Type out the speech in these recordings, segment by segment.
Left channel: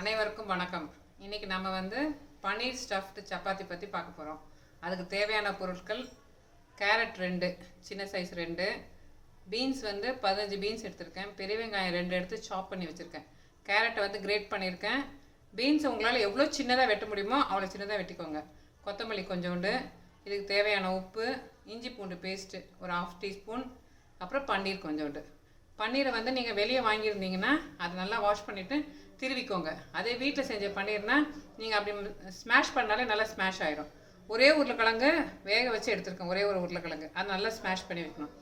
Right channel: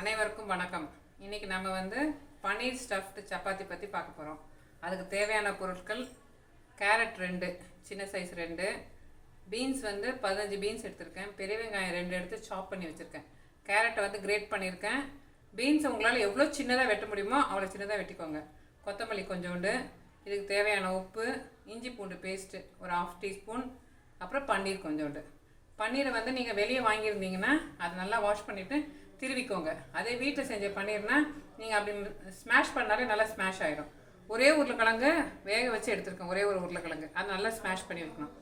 அனைவருக்கும் வணக்கம். இன்னைக்கு நம்ம வந்து பன்னீர் ஸ்டஃப்டு சப்பாத்தி பற்றி பார்க்க போகிறோம். அதுக்கு தேவையான பொருட்கள்: கேரட் 2 சின்ன சைஸ் 2, பீன்ஸ் வந்து 15 பீன்ஸ் எடுத்திருக்கேன், பெரிய வெங்காயம் 2 எடுத்து சாப் பண்ணி வச்சுருக்கேன், கேரட்டை வந்து கிரேட் பண்ணியிருக்கேன். பீன்ஸ் உங்களால் எவ்வளோ சின்னதாக வெட்ட முடியுமோ அவ்வளோ சின்னதாக வெட்டிக்கோங்க. கொத்தமல்லி கொஞ்சோண்டு, இதுக்கு தேவையான உப்பு, இஞ்சி பூண்டு பேஸ்ட்டு ஒரு 1/2 டீஸ்பூன், அப்புறம் பன்னீர் கொஞ்சோண்டு. பன்னீரை வந்து நீங்கள் வெளியே வாங்கியிருந்தீங்கன்னா அதை நல்லா வாஷ் பண்ணிவிட்டு திருவிக்கோங்க. அதே வீட்டில் செஞ்ச பன்னீர்னால் நீங்கள் அப்படி ஸ்மாஷ் பண்ணாலே நல்லா ஸ்மாஷ் ஆகிடும். ஒரே உருளைக்கிழங்கு வேக வச்சு எடுத்துருக்கேன், ஒரே ஒரு உருளைக்கிழங்கு, அது நல்லா ஸ்மாஷ் பண்ணி வைக்கணும்.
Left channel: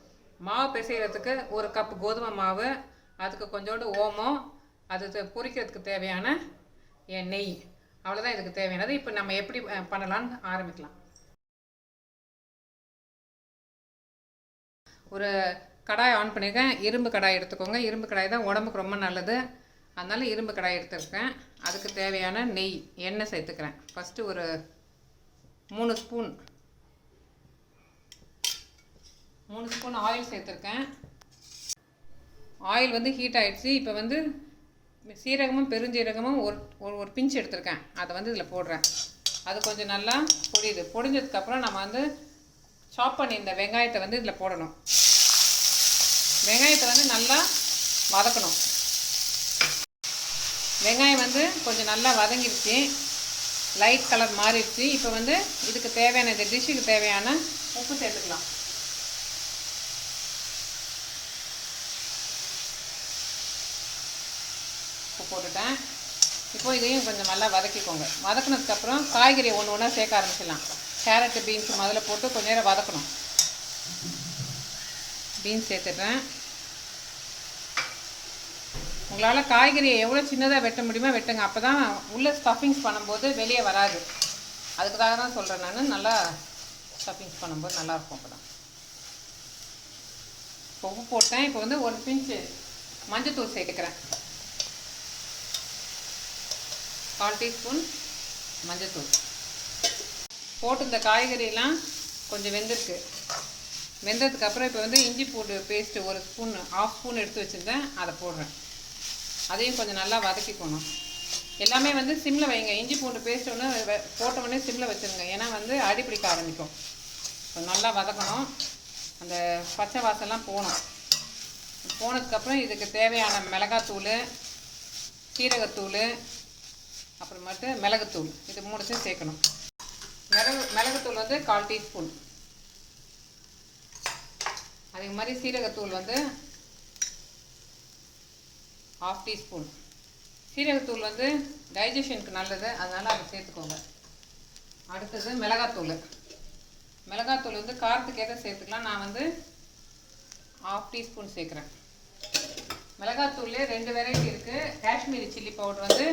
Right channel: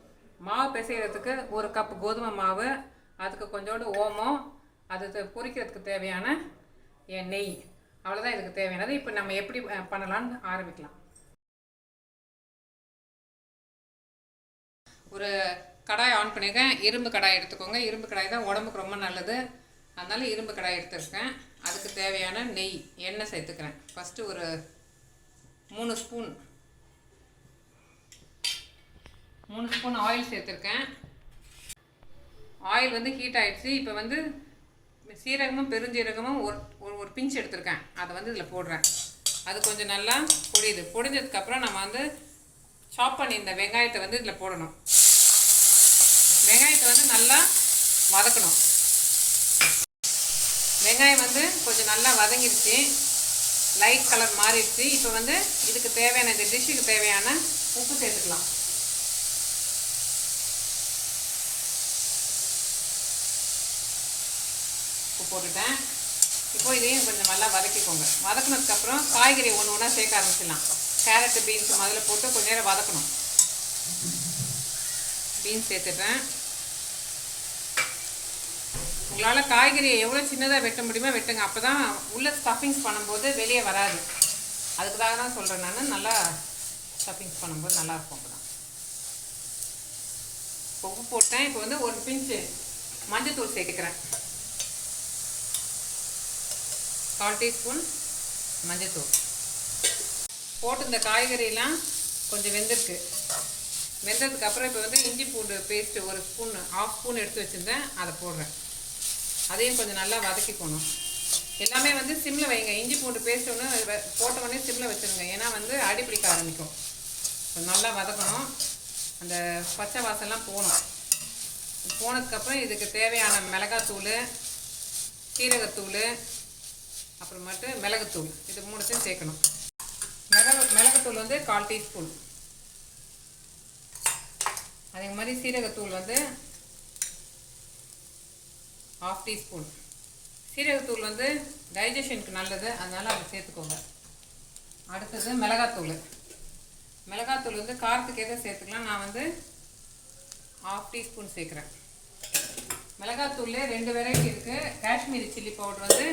மாவு பிசைகிறதுக்கு 1 கப் கோதுமை மாவு, அதுக்கு கொஞ்சோண்டு ஓமம், அது பொரிக்கிறதுக்கு தேவையான நெய், அவ்வளோதான் இதுக்கு தேவையானது. இப்போ நம்ம எப்படி பண்ணலான்னு ஆரம்பிக்கலாம். ஒரு கடாய் ஆன் பண்ணியிருக்கேன். இரும்பு கடாய் எடுத்துக்கோங்க. இரும்பு கடாய் தான் உடம்புக்கு ரொம்ப நல்லது, அதனால் இரும்பு கடாய் எடுத்துருக்கேன். அதுக்கு தேவையான நெய், எண்ணெய் சேர்த்துக்கிறேன். ஃபஸ்ட்டு ஒரு 3 ஸ்பூன் ஆயில் சேர்த்துருக்கேன். ஆயில் வந்து ஹீட் ஆகிடுச்சு. இப்போ வந்து சீரகமும் பெருஞ்சீரகமும் ஒரு பிஞ்ச் எடுத்துருக்கேன், அதை வந்து இதில் போடுறேன். அது கொஞ்சம் நல்லா பொடிஞ்சதுக்கப்புறம் நம்ம வந்து சாப் பண்ணி இந்த வெங்காயத்தை வந்து இதில் போடணும். வெங்காயத்தை வந்து நல்லா வதக்கணும். வெங்காயம் வந்து கொஞ்சம் நல்லா வதங்கிடுச்சு, லைட் கலர் மாறிடுச்சு. இப்போ வந்து இதுக்கு தேவையான, இந்த டிஷ்ஷுக்கு தேவையான உப்பு சேர்த்துக்கலாம். உப்பு போட்டுட்டேன். இப்போ இதையும் கொஞ்சம் நல்லா வதக்கிக்கோங்க. வதக்கினதுக்கப்புறம் காய்கறி ஒன்று ஒன்றா சேர்க்க ஆரம்பிச்சிடலாம். கேரட்டு பீன்ஸு முதல்ல போட்டு கொஞ்சம் நேரம் வதக்கணும். பீன்ஸ் சேர்த்துட்டேன். உங்களால் காய்கறியை எவ்வளோ சின்னதாக வெட்ட முடியுமோ வெட்டுங்க, அப்போ தான் உள்ளே ஸ்டஃபிங்ஸ் பண்ணும்போது வெளியே வராது. அதுக்காக தான் சொல்கிறேன் நான், நல்லா ஸ்டஃபிங்ஸ் பண்ணும்போது நல்லாயிருக்கும். அப்போ தான் உப்பு போட்டேன். இப்போ வந்து ஒரு பிஞ்சு மஞ்சத்தூள் சேர்த்துக்கிறேன். 1/4 டீஸ்பூன் மஞ்சத்தூள் போட்டு இந்த காய்கறியெல்லாம் கொஞ்சம் வெந்திருக்கு. வெந்ததுக்கப்புறம் இப்போ வந்து இஞ்சி பூண்டு பேஸ்ட்டு ஒரு ஸ்பூன், 1/2 ஸ்பூன் எடுத்து வச்சுருந்தேன், அதை போடுறேன். அதையும் கொஞ்சம் நல்லா வதக்கிக்கணும். எல்லாமே வந்து சிம்மில் வைங்க. இஞ்சி பூண்டு பேஸ்ட் ஒன்று போட்ட உடனே சிம்மில் வச்சுருங்க, ஏன்னா வந்து அடிப்பிடிக்க ஆரம்பிக்கும். நல்லா வதக்கணும். அந்த பச்சை வாசம்லாம் போகணும். போனதுக்கப்புறம் இதுக்கு தேவையான மிளகாத்தூள், சீரகத்தூள், அப்புறமேட்டு மிளகுத்தூள், இது 3 சேர்க்கணும். மிளகுத்தூள் வந்து 1/4 டீஸ்பூன். அதே மாதிரி சீரகத்தூள் வந்து 1/2 டீஸ்பூன். சீரகத்தூள் வந்து டைஜஷனுக்கு நல்லது, அதனால் அதை சேர்த்துக்கோங்க. அடுத்தது மிளகாத்தூள். மிளகாத்தூள் வந்து காரத்துக்கு எதை சேர்த்துக்கலாம். நான் வந்து 1/2 டீஸ்பூன் சேர்க்குறேன். மிளகாத்தூள் 2 வெரைட்டி இருக்குது. காஷ்மீரி சில்லி பவுடர் வந்து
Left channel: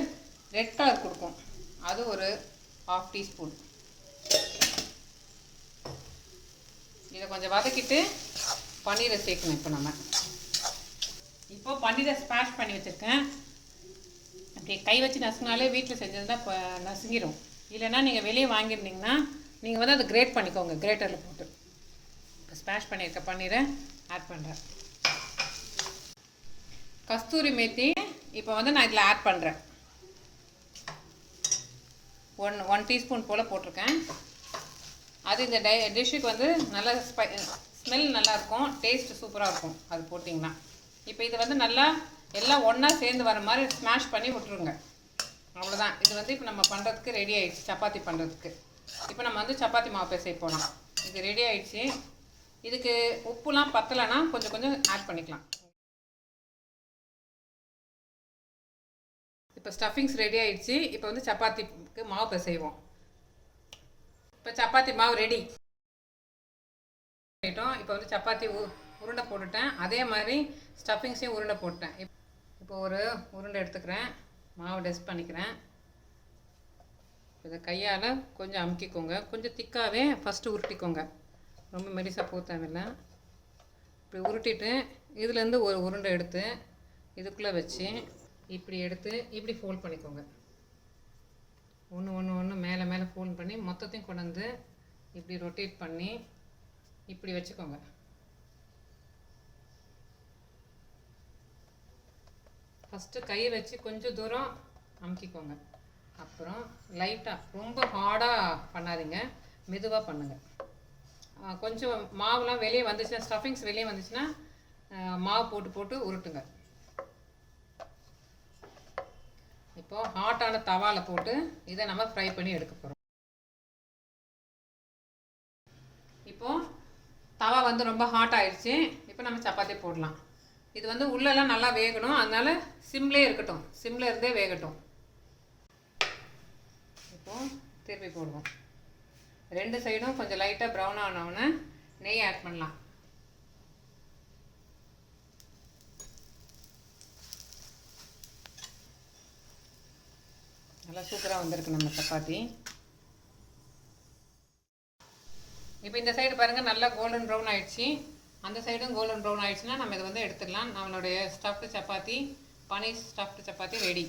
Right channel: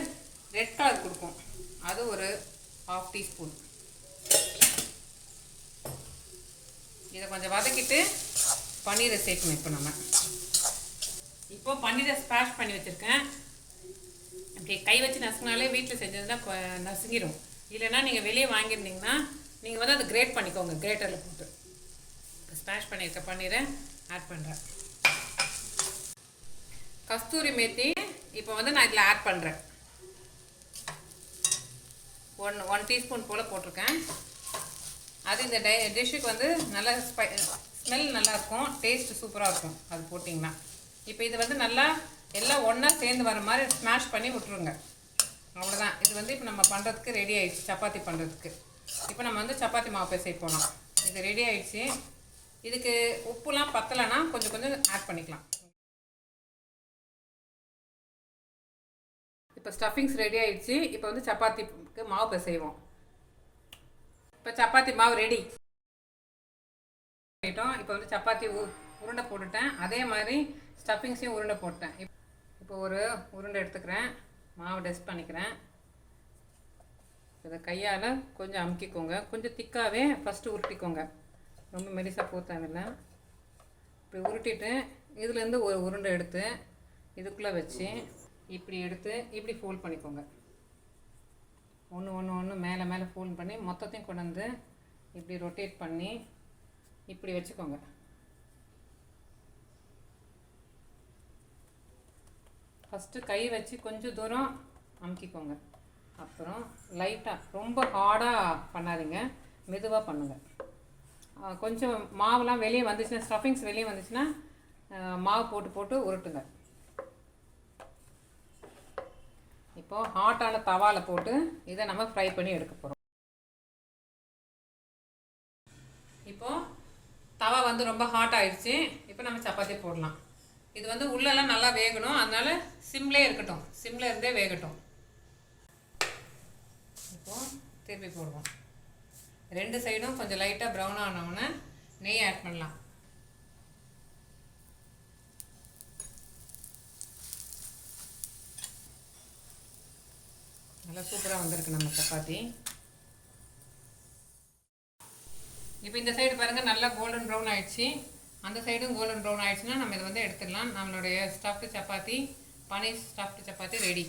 ரெட் கலர் கொடுக்கும், அது ஒரு 1/2 டீஸ்பூன். இதை கொஞ்சம் வதக்கிட்டு பன்னீரை சேர்க்கணும். இப்போ பன்னீரை ஸ்மாஷ் பண்ணி வச்சுருக்கேன். அப்படி கை வச்சு நசுங்கினாலே வீட்டில் செஞ்சது தான் நசுங்கிடும். இல்லைன்னா நீங்கள் வெளியே வாங்கியிருந்தீங்கன்னா நீங்கள் வந்து அதை கிரேட் பண்ணிக்கோங்க, கிரேட்டரில் போட்டு. இப்போ ஸ்மாஷ் பண்ணியிருக்க பன்னீரை ஆட் பண்ணுறேன். கஸ்தூரி மேத்தி இப்போ வந்து நான் இதில் ஆட் பண்ணுறேன். 1 டீஸ்பூன் போல் போட்டிருக்கேன். அது இந்த டிஷ்ஷுக்கு வந்து நல்லா ஸ்மெல் நல்லாயிருக்கும், டேஸ்ட்டு சூப்பராக இருக்கும் அது போட்டிங்கன்னா. இப்போ இதை வந்து நல்லா எல்லாம் ஒன்றா சேர்ந்து வர மாதிரி ஸ்மாஷ் பண்ணி விட்டுருங்க. அவ்வளோதான். இது வந்து இப்போ நம்ம பண்ணுறதுக்கு ரெடி ஆகிடுச்சு, சப்பாத்தி பண்ணுறதுக்கு. இப்போ நம்ம வந்து சப்பாத்தி மாவு பிசைய போகலாம். இது ரெடி ஆகிடுச்சு. இதுக்கு உப்புலாம் பத்தலைன்னா கொஞ்சம் கொஞ்சம் ஆட் பண்ணிக்கலாம். இப்போ ஸ்டஃபிங்ஸ் ரெடி ஆகிடுச்சு. இப்போ வந்து சப்பாத்திக்கு மாவு பிசைவோம். இப்போ சப்பாத்தி மாவு ரெடி பண்ணிட்டோம். இப்போ வந்து சப்பாத்தி உருண்டை போட்டுட்டேன். அதே மாதிரி ஸ்டஃபிங்ஸையும் உருண்டை போட்டேன். இப்போ ஒரு உருண்டை எடுத்துக்கிறேன், மாவு டஸ்ட் பண்ணிக்கிறேன். இதை கையால் கொஞ்சம் அமுக்கிக்கோங்க. கொஞ்சம் திக்காகவே ஃபஸ்ட்டு உருட்டிக்கோங்க, ரொம்ப மெலிசாக போக தேவையில்லை. இப்படி உருட்டிட்டு இதுலேருந்து ஒரு உருண்டை எடுத்து இதுக்குள்ளே வச்சு இப்படி எடுத்து இப்படி ஃபோல்ட் பண்ணிக்கோங்க. ஒன்று மேலே மேலே ஃபோல்ட் பண்ணி மொத்தத்தையும் கொண்டு வந்து இப்படி ரொட்டேட் பண்ணி இப்படி வச்சுக்கோங்க. ஃபஸ்ட்டு கை வச்சு கொஞ்சம் தூரம் அமுக்கிக்கோங்க. அப்புறம் லைட்டாக ரொம்ப ஹார்டாக பண்ணாதீங்க, மெதுவாக பண்ணுங்கள். கொஞ்சம் மாவுலாம் வெளியே வந்துச்சுன்னா, ஸ்டஃபிங்ஸ் வெளியே வந்துச்சுன்னா மாவு போட்டு போட்டு உருட்டுங்க. இப்போது ஹாட்டான தவாவில் போட்டு இதை நம்ம ஃப்ரை பண்ணி எடுக்க போகிறோம். இப்போது தவா வந்து ரொம்ப ஹாட் ஆயிடுச்சு. இப்போ நம்ம சப்பாத்தி போடலாம். இது வந்து உள்ளெல்லாம் நல்லா வேகணும், அதனால சிம்லேயே இருக்கட்டும், சிம்மில் இருந்தே வேகட்டும். இப்போது திருப்பி போடுவோம். 2 சைடும் கொஞ்சம் லைட்டாக ப்ரௌன் ஆனவுடனே நெய் ஆட் பண்ணலாம். நல்லா சூப்பராக வந்திருக்கு நம்ம சப்பாத்தி. இப்போ இந்த சைடு பாருங்கள், நல்லா கோல்டன் ப்ரௌன் ஆகிடுச்சு. அந்த சைடும் கோல்டன் ப்ரௌன் ஆகிடுச்சுன்னா நம்ம இதை வந்து எடுத்துடலாம். நம்மளுடைய stuffed chapati, paneer stuffed chapati ready.